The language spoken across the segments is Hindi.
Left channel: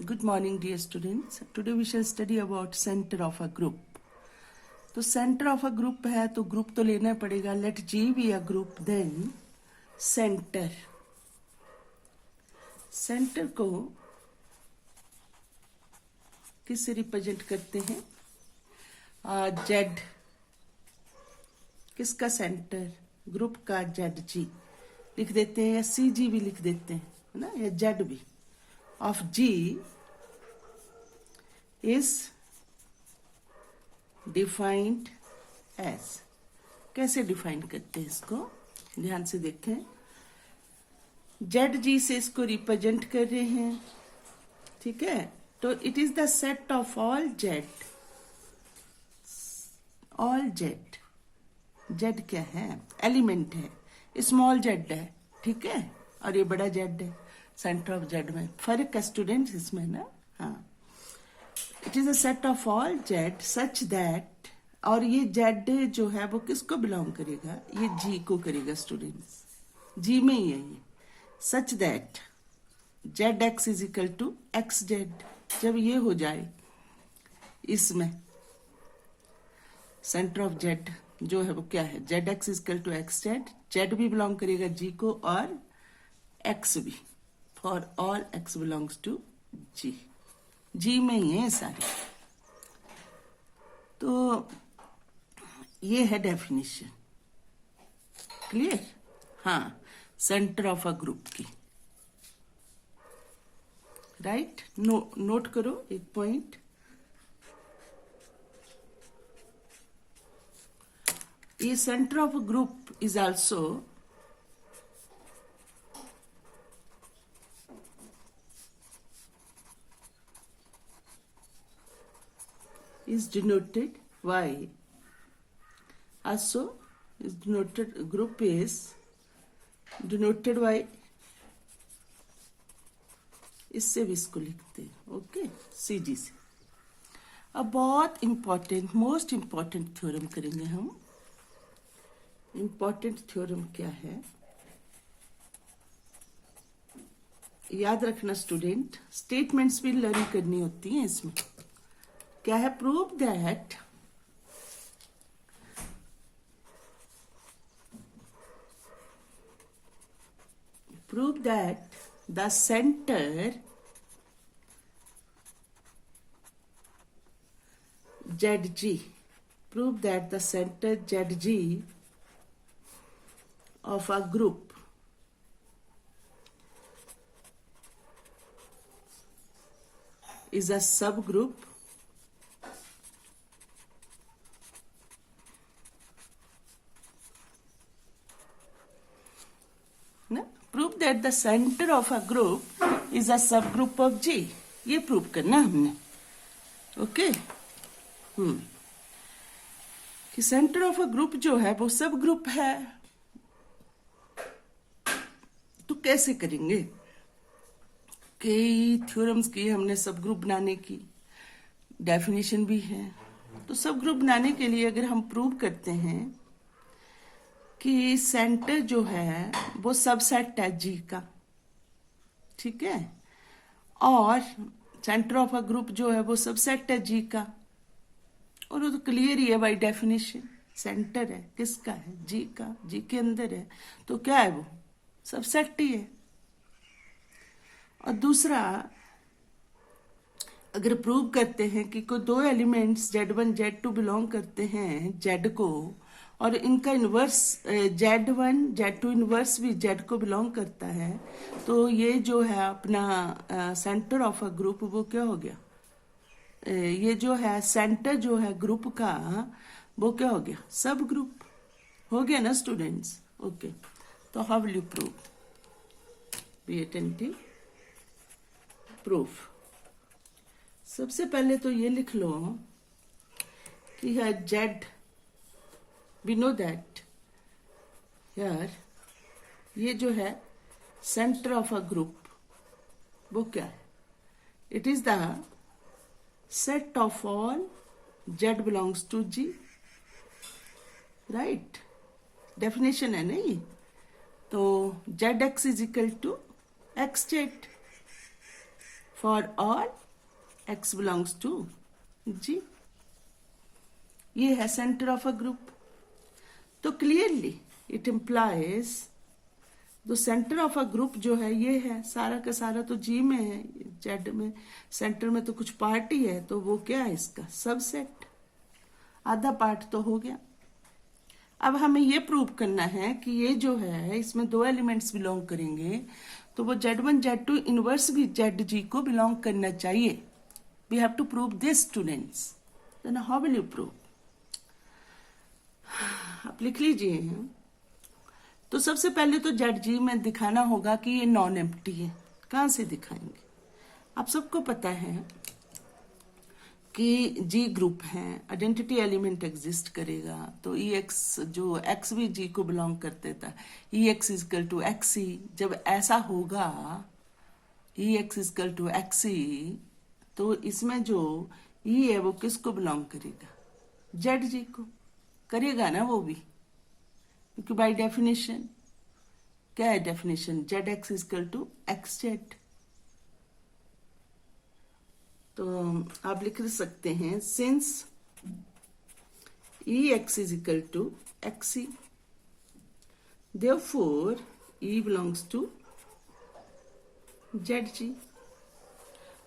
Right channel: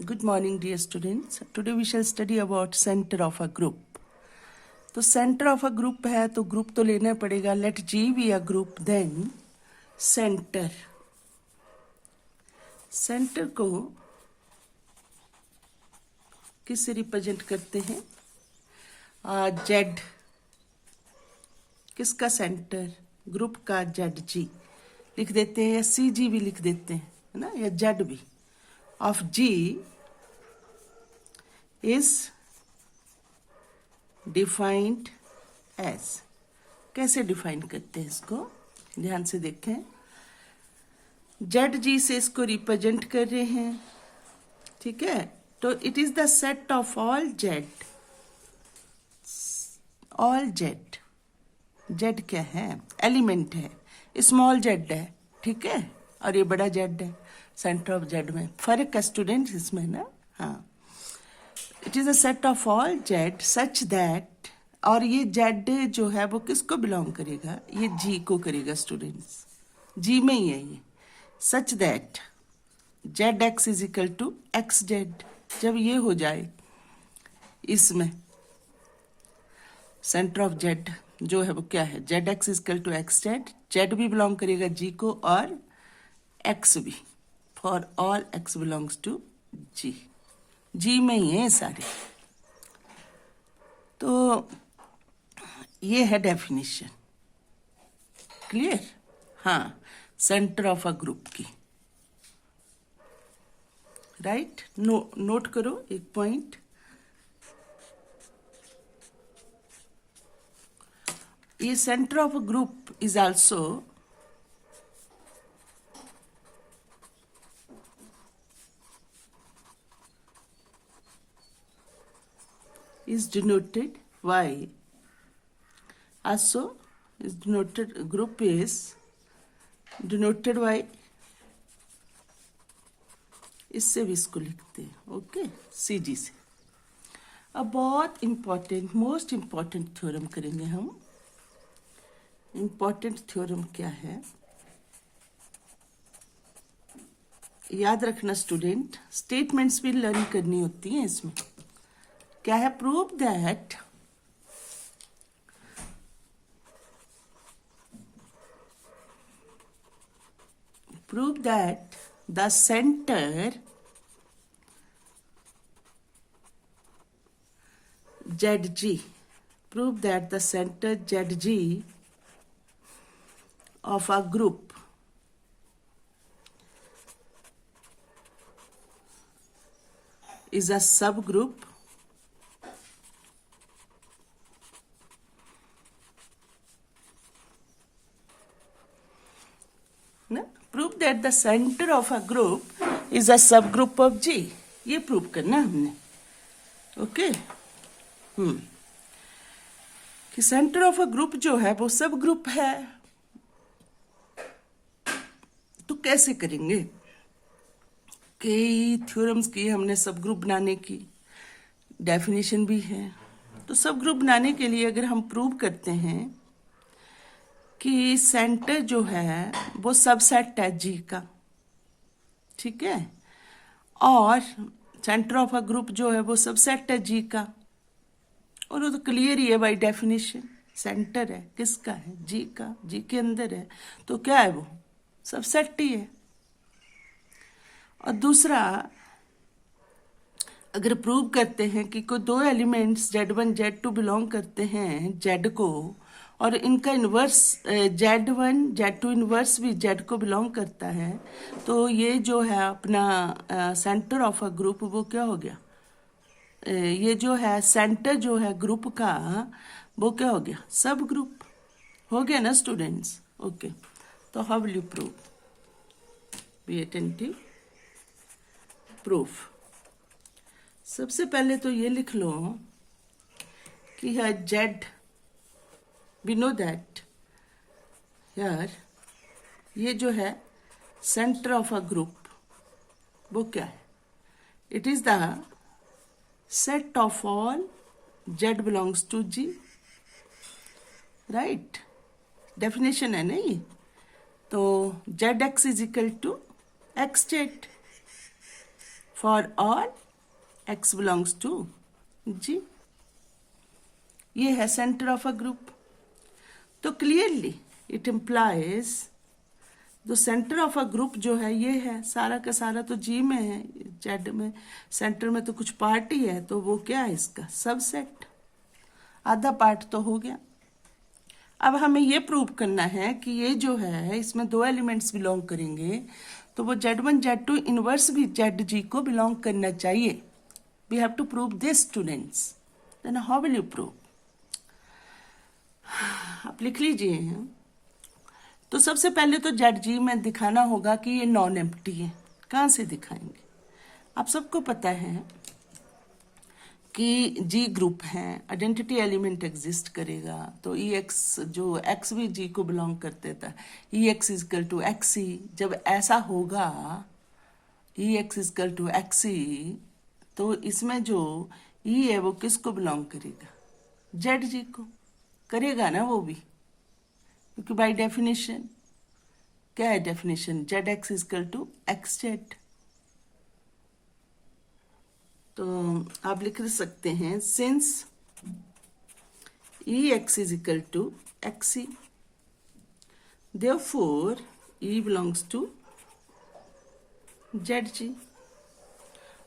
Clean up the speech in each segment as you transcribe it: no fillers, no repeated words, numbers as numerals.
Good morning, dear students. Today we shall study about center of a group. तो center of a group है तो group तो लेना पड़ेगा. Let G be a group, then center. Center को किससे रिप्रेजेंट करते हैं? Z. किसका सेंटर? ग्रुप का ZG लिख देते हैं या CG भी लिख देते हैं, है ना, या Z भी. Of G is defined as. कैसे डिफाइन करते हैं इसको? ध्यान से देखें. ZG से इसको रिप्रेजेंट कर रहे हैं, ठीक है. तो it is the set of all Z. All Z. Z क्या है? एलिमेंट है. स्मॉल Z है, ठीक है, और ये बड़ा Z है. सेंटर ऑफ Z में फर्क है स्टूडेंट इसमें ना. हाँ, it is a set of all Z such that. और ये Z जो है वो किसको बिलोंग करेगा? ये G को करेगा स्टूडेंट्स. G में ही है ये. Such that ZX is equal to XZ. जब ये हो जाए इसमें सेंटर ऑफ Z जो है वो क्या है? ZX is equal to XZ. Z भी बिलोंग करेगा G को और X भी. For all X belongs to G. G में ही है सारे. तो ये है डेफिनेशन. क्लियर? हाँ, सेंटर ऑफ अ ग्रुप की. राइट? नोट करो एक पॉइंट. ये centre of a group is also is denoted by. Also is denoted, group is denoted by. इससे भी इसको लिखते हैं, ओके, CG से. अब बहुत इंपॉर्टेंट, मोस्ट इंपॉर्टेंट थ्योरम करेंगे हम. इंपॉर्टेंट थ्योरम क्या है? याद रखना स्टूडेंट, स्टेटमेंट्स भी लर्न करनी होती हैं इसमें. क्या है? Prove that the centre ZG, prove that the center ZG of a group is a subgroup prove that the centre of a group is a सब ग्रुप ऑफ G. ये प्रूव करना हमने. ओके. कि सेंटर ऑफ अ ग्रुप जो है वो सब ग्रुप है. तो कैसे करेंगे? कई थ्योरम्स की हमने सब ग्रुप बनाने की. डेफिनेशन भी है. तो सब ग्रुप बनाने के लिए अगर हम प्रूव करते हैं कि सेंटर जो है वो सबसेट है G का, ठीक है, और सेंटर ऑफ अ ग्रुप जो है वो सबसेट है G का, और वो तो क्लियर ही है बाय डेफिनेशन. सेंटर है किसका? है G का. G के अंदर है तो क्या है? वो सबसेट ही है. और दूसरा, अगर प्रूव करते हैं कि कोई दो एलिमेंट्स Z1 Z2 बिलोंग करते हैं Z को, और इनका इन्वर्स Z1 Z2 इन्वर्स भी Z को बिलोंग करता है, तो ये जो है अपना सेंटर ऑफ अ ग्रुप वो क्या हो गया? ये जो है सेंटर जो है ग्रुप का वो क्या हो गया? सब ग्रुप हो गया ना स्टूडेंट्स. ओके. तो how will you prove? Be attentive. Proof. सबसे पहले तो ये लिख लो कि है Z. We know that here ये जो है सेंटर ऑफ अ ग्रुप वो क्या है? It is the set of all Z belongs to G. Right? Definition है ना ये. तो ZX is equal to XZ for all x belongs to G। ये है सेंटर ऑफ अ ग्रुप। तो clearly it implies the centre of a group जो है ये है, सारा का सारा तो G में है, Z में सेंटर में तो कुछ पार्ट ही है, तो वो क्या है इसका सबसेट, आधा पार्ट तो हो गया। अब हमें ये प्रूव करना है कि ये जो है इसमें दो एलिमेंट्स बिलोंग करेंगे, तो वो Z1 Z2 इनवर्स भी ZG को बिलोंग करना चाहिए। We have to prove this students. Then how will you prove? आप लिख लीजिए। तो सबसे पहले तो ZG में दिखाना होगा कि ये नॉन एम्प्टी है। कहाँ से दिखाएंगे? आप सबको पता है कि G ग्रुप है, आइडेंटिटी एलिमेंट एग्जिस्ट करेगा, तो EX जो X भी G को बिलोंग करते था, EX इजकल टू XE। जब ऐसा होगा EX इजकल टू XE, तो इसमें जो E है वो किसको बिलोंग करेगा? ZG को करेगा ना वो भी, क्योंकि बाय डेफिनेशन क्या है definition? ZX is equal to XZ। तो आप लिख सकते हैं since EX is equal to XE, therefore E belongs to ZG।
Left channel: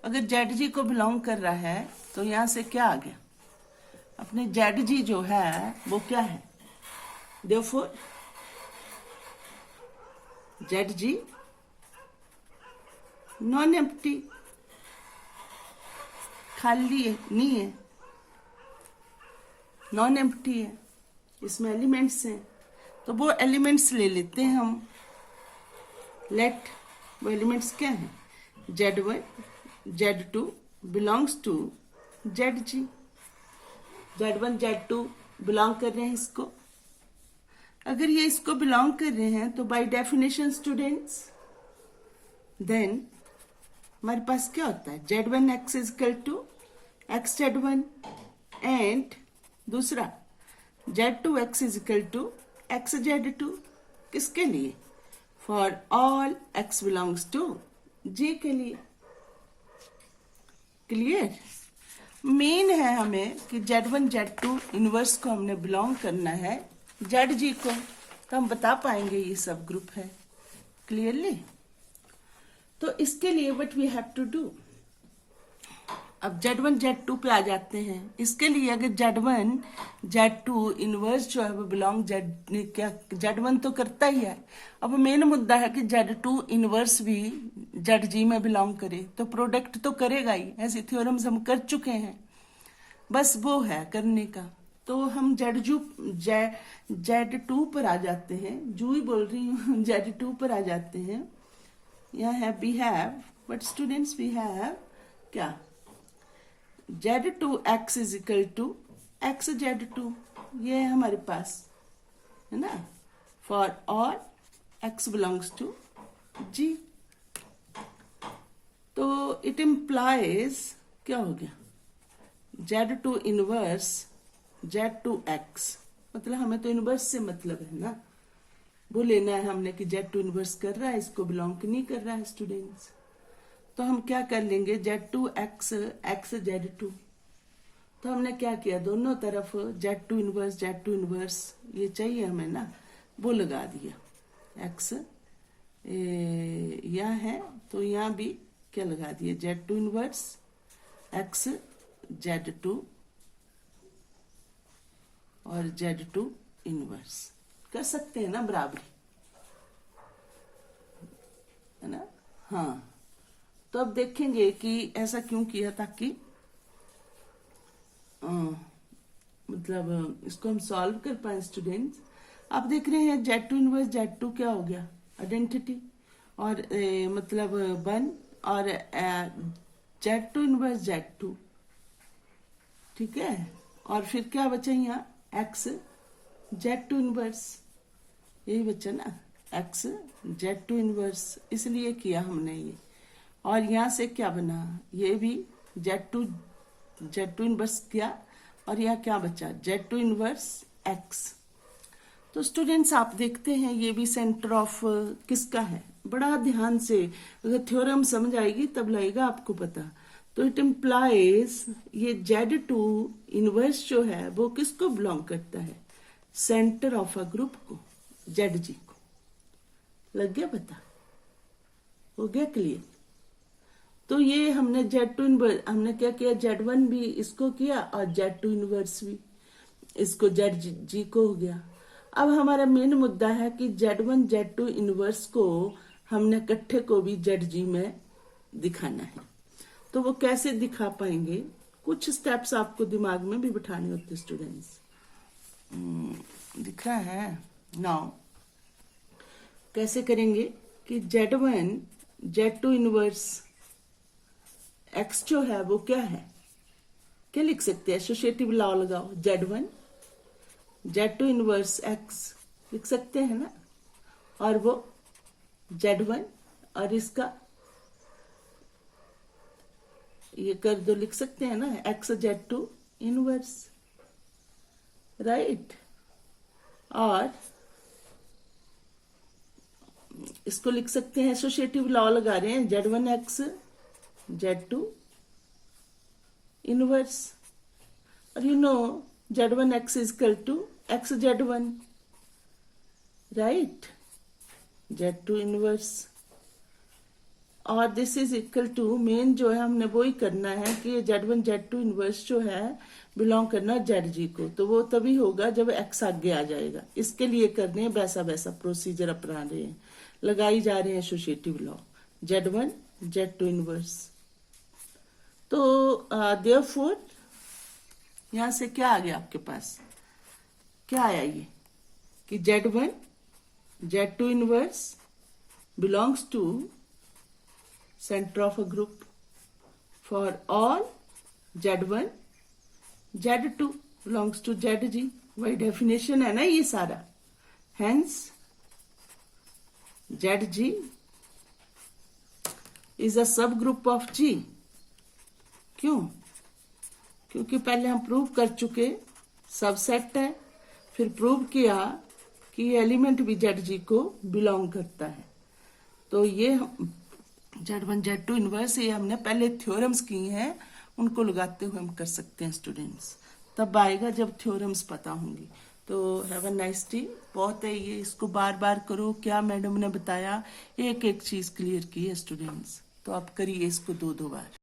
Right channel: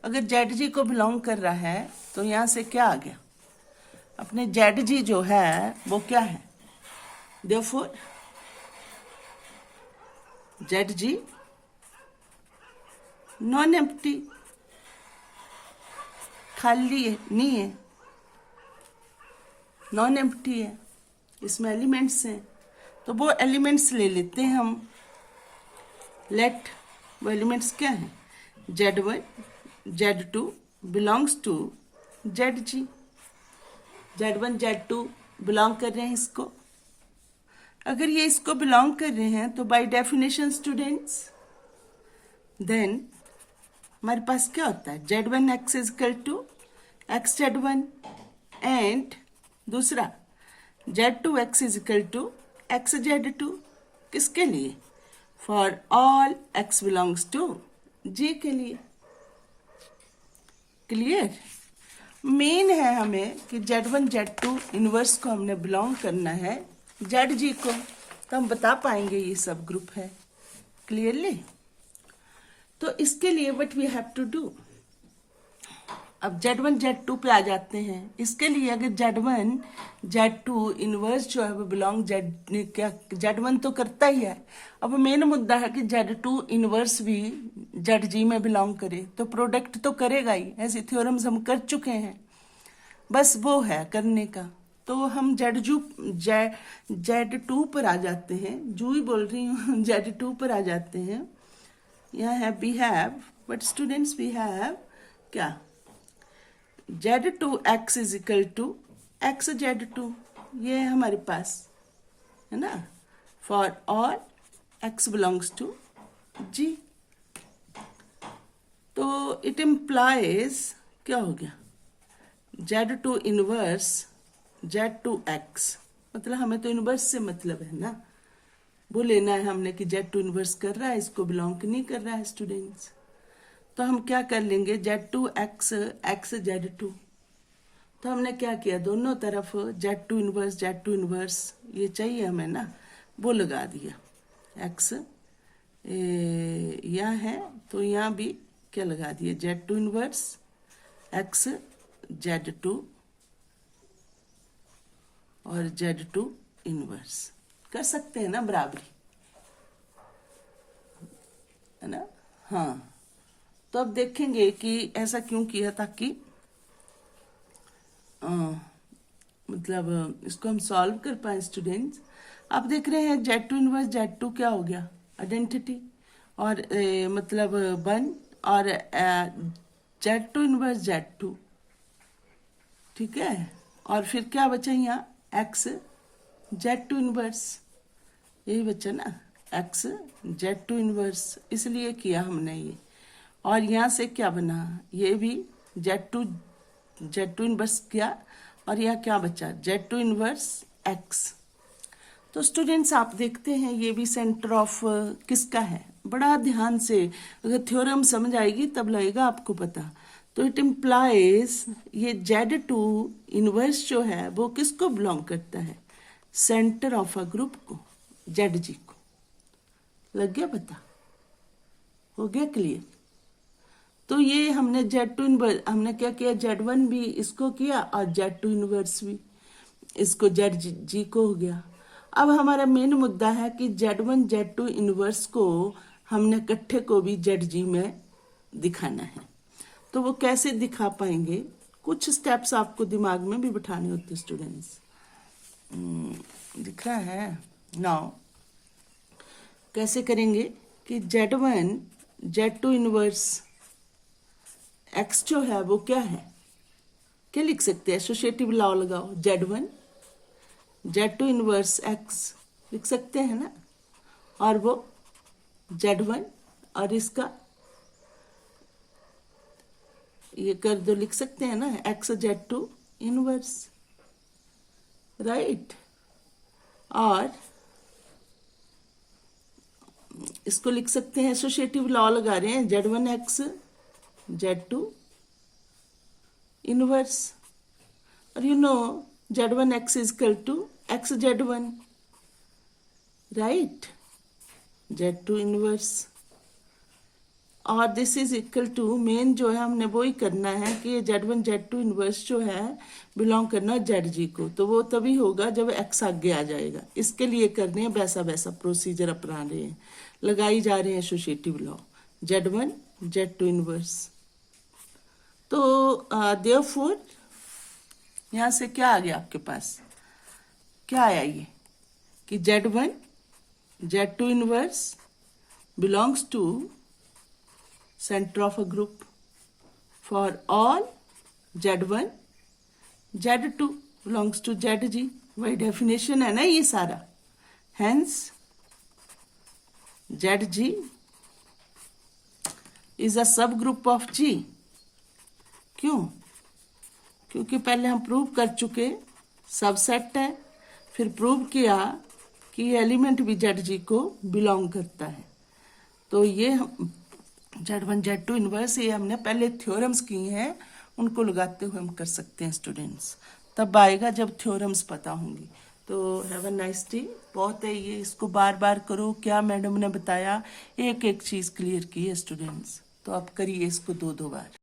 अगर ZG को बिलोंग कर रहा है तो यहां से क्या आ गया? अपने ZG जो है वो क्या है? देयरफॉर ZG नॉन एम्प्टी, खाली है, नहीं है, नॉन एम्प्टी है, इसमें एलिमेंट्स हैं, तो वो एलिमेंट्स ले लेते हैं हम। लेट वो एलिमेंट्स क्या है? Z1 Z2 belongs to ZG। Z1 Z2 belong कर रहे हैं इसको। अगर ये इसको बिलोंग कर रहे हैं तो बाय डेफिनेशन स्टूडेंट्स देन हमारे पास क्या होता है? Z1 X is equal to XZ1 and दूसरा Z2 X is equal to XZ2। किसके लिए? For all X belongs to G के लिए। क्लियर? मेन है हमें कि Z1 Z2 इनवर्स को हमने बिलोंग करना है ZG को, तो हम बता पाएंगे ये सब ग्रुप है। क्लियरली? तो इसके लिए what we have to do, अब Z1 Z2 पे आ जाते हैं। इसके लिए अगर Z1 Z2 इनवर्स जो है वो बिलोंग Z1 तो करता ही है, अब मेन मुद्दा है कि Z2 इनवर्स भी ZG में बिलोंग करे, तो प्रोडक्ट तो करेगा ही। ऐसे थ्योरम्स हम कर चुके हैं, बस वो है करने का। तो हम Z2 पर आ जाते हैं, जू ही बोल रही हूँ Z2 पर आ जाते हैं। यहाँ है we have, but students we have क्या? Z2 X is equal to XZ2, ये है हमारे पास, है ना, for all X belongs to G। तो इट इम्प्लाइज क्या हो गया? Z2 इनवर्स Z2X, मतलब हमें तो इनवर्स से मतलब है ना, वो लेना है हमने कि Z2 इनवर्स कर रहा है, इसको बिलोंग नहीं कर रहा है स्टूडेंट्स। तो हम क्या कर लेंगे? Z2X XZ2। तो हमने क्या किया? दोनों तरफ Z2 इनवर्स ये चाहिए हमें ना, वो लगा दिया। X यहाँ है तो यहाँ भी क्या लगा दिए? Z2 इनवर्स XZ2 और Z2 इनवर्स कर सकते हैं ना बराबरी, है ना? हाँ, तो अब देखेंगे कि ऐसा क्यों किया, ताकि मतलब इसको हम सॉल्व कर पाए स्टूडेंट्स। आप देख रहे हैं Z2 इनवर्स Z2 क्या हो गया? आइडेंटिटी, और मतलब 1, और Z2 इनवर्स Z2, ठीक है, और फिर क्या बचा यहाँ? X Z2 इनवर्स, यही बचा ना, X Z2 इनवर्स, इसलिए किया हमने ये। और यहाँ से क्या बना? ये भी Z2 इनवर्स किया, और यहाँ क्या बचा? Z2 inverse X। तो स्टूडेंट्स आप देखते हैं ये भी सेंटर ऑफ किसका है? बड़ा ध्यान से, अगर थ्योरम समझ आएगी तब लगेगा आपको पता। तो इट इम्प्लाइज, ये Z2 इनवर्स जो है वो किसको बिलोंग करता है? सेंटर ऑफ अ ग्रुप को, ZG को। लग गया पता? हो गया क्लियर? तो ये हमने Z2 इनवर्स, हमने क्या किया, Z1 भी इसको किया और Z2 इनवर्स भी इसको, ZG को हो गया। अब हमारा मेन मुद्दा है कि Z1 Z2 इनवर्स को हमने इकट्ठे को भी ZG में दिखाना है। तो वो कैसे दिखा पाएंगे? कुछ स्टेप्स आपको दिमाग में भी बिठाने होते स्टूडेंट्स। दिख रहा है नाउ? कैसे करेंगे कि Z1 Z2 इनवर्स X जो है वो क्या है, क्या लिख सकते हैं? एसोसिएटिव लॉ लगाओ, Z1 Z2 इनवर्स X लिख सकते हैं ना, और वो Z1 और इसका ये कर दो, लिख सकते हैं ना, X Z2 इनवर्स, राइट। और इसको लिख सकते हैं, एसोसिएटिव लॉ लगा रहे हैं, Z1 X Z2 इनवर्स, और you know Z1 X is equal to X Z1, right, Z2 inverse. और this is equal to, main जो है हमने वो ही करना है कि Z1 Z2 इनवर्स जो है बिलोंग करना ZG को, तो वो तभी होगा जब X आगे आ जाएगा। इसके लिए कर रहे हैं वैसा वैसा प्रोसीजर अपना रहे हैं, लगाई जा रहे हैं associative law, Z1 Z2 inverse. तो देयरफॉर यहां से क्या आ गया आपके पास, क्या आया ये कि Z1 Z2 inverse belongs to center of a group for all Z1 Z2 belongs to ZG। वही डेफिनेशन है ना ये सारा, hence ZG is a subgroup of G। क्यों? क्योंकि पहले हम प्रूव कर चुके सबसेट है, फिर प्रूव किया कि एलिमेंट भी ZG को बिलोंग करता है। तो ये Z1 Z2 इनवर्स ये हमने पहले थ्योरम्स किए हैं, उनको लगाते हुए हम कर सकते हैं स्टूडेंट्स। तब आएगा जब थ्योरम्स पता होंगे। तो हैव अ नाइस डे। बहुत है ये, इसको बार बार करो, क्या मैडम ने बताया एक एक चीज क्लियर की है स्टूडेंट्स, तो आप करिए इसको 2-2 बार।